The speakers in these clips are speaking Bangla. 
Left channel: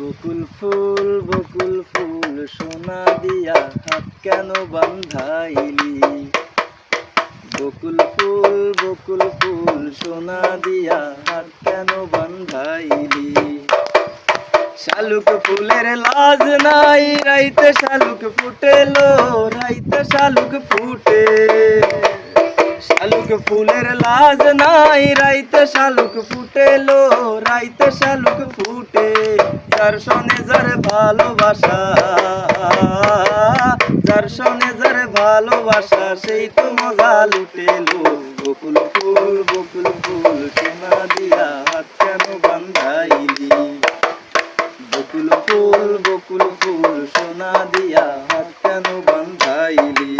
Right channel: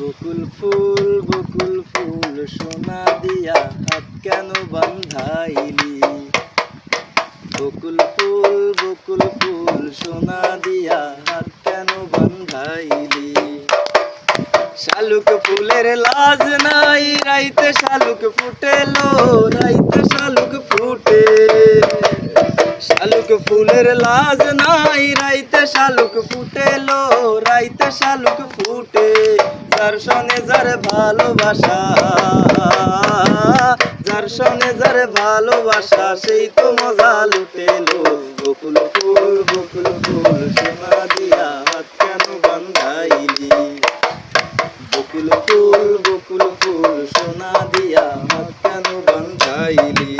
বকুল ফুল সোনা দিয়া হাত কেন বান্ধাইলি। বকুল ফুল সোনা দিয়া হাত কেন বান্ধাইলি। শালুক ফুলের লাজ নাই, রাইতে শালুক ফুটেলো, রাইতে শালুক ফুটে। শালুক ফুলের লাজ নাই, রাইতে শালুক ফুটেলো, রাইতে শালুক ফুটে। যার সনে যার ভালোবাসা, যার সনে যার ভালোবাসা, সেই তো মজা লুটেলো। বকুল ফুল সোনা দিয়া হাত কেন বান্ধাইলি। বকুল ফুল সোনা দিয়া হাত কেন বান্ধাইলি।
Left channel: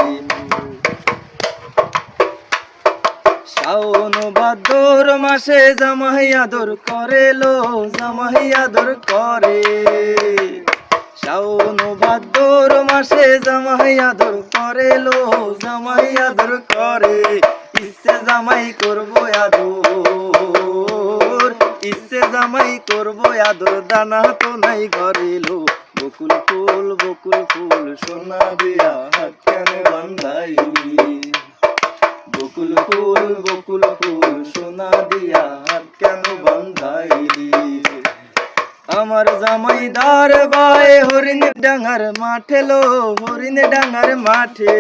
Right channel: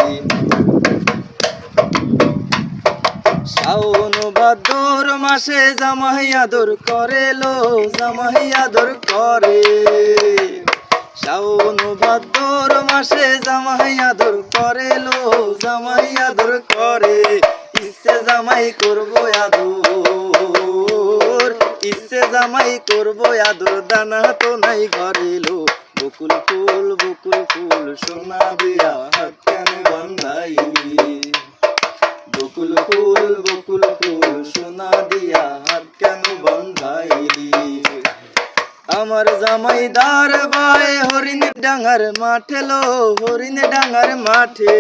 শাওন ভাদ্র মাসে জামাই আদর করে লো, জামাই আদর করে। শাওন ভাদ্র মাসে জামাই আদর করে লো, জামাই আদর করে। ইচ্ছে জামাই করবো আদর, ইচ্ছে জামাই করবো আদর, দানা তো নাই ঘরে লো। বকুল ফুল সোনা দিয়া হাত কেন বান্ধাইলি। বকুল ফুল সোনা দিয়া হাত কেন বান্ধাইলি। আমার জামাইদার ভাই হরিণ ডাঙ্গার মাঠে লো, হরিণ ডাঙ্গার মাঠে।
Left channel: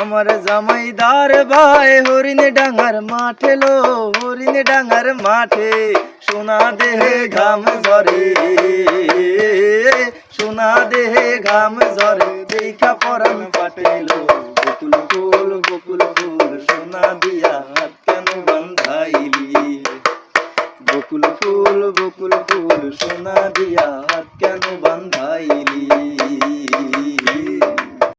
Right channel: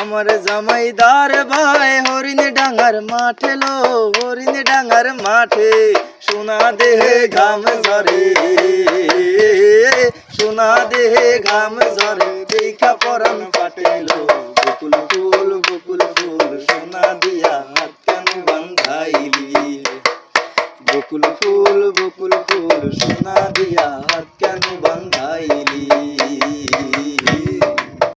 আমার জামাইদার ভাই হরিণ ডাঙ্গার মাঠে লো, হরিণ ডাঙ্গার মাঠে। সোনা দেহে ঘাম ঝরে, সোনা দেহে ঘাম ঝরে, দেখা পরাণ ফাটেলো। বকুল ফুল সোনা দিয়া হাত কেন বান্ধাইলি। বকুল ফুল সোনা দিয়া হাত কেন বান্ধাইলি।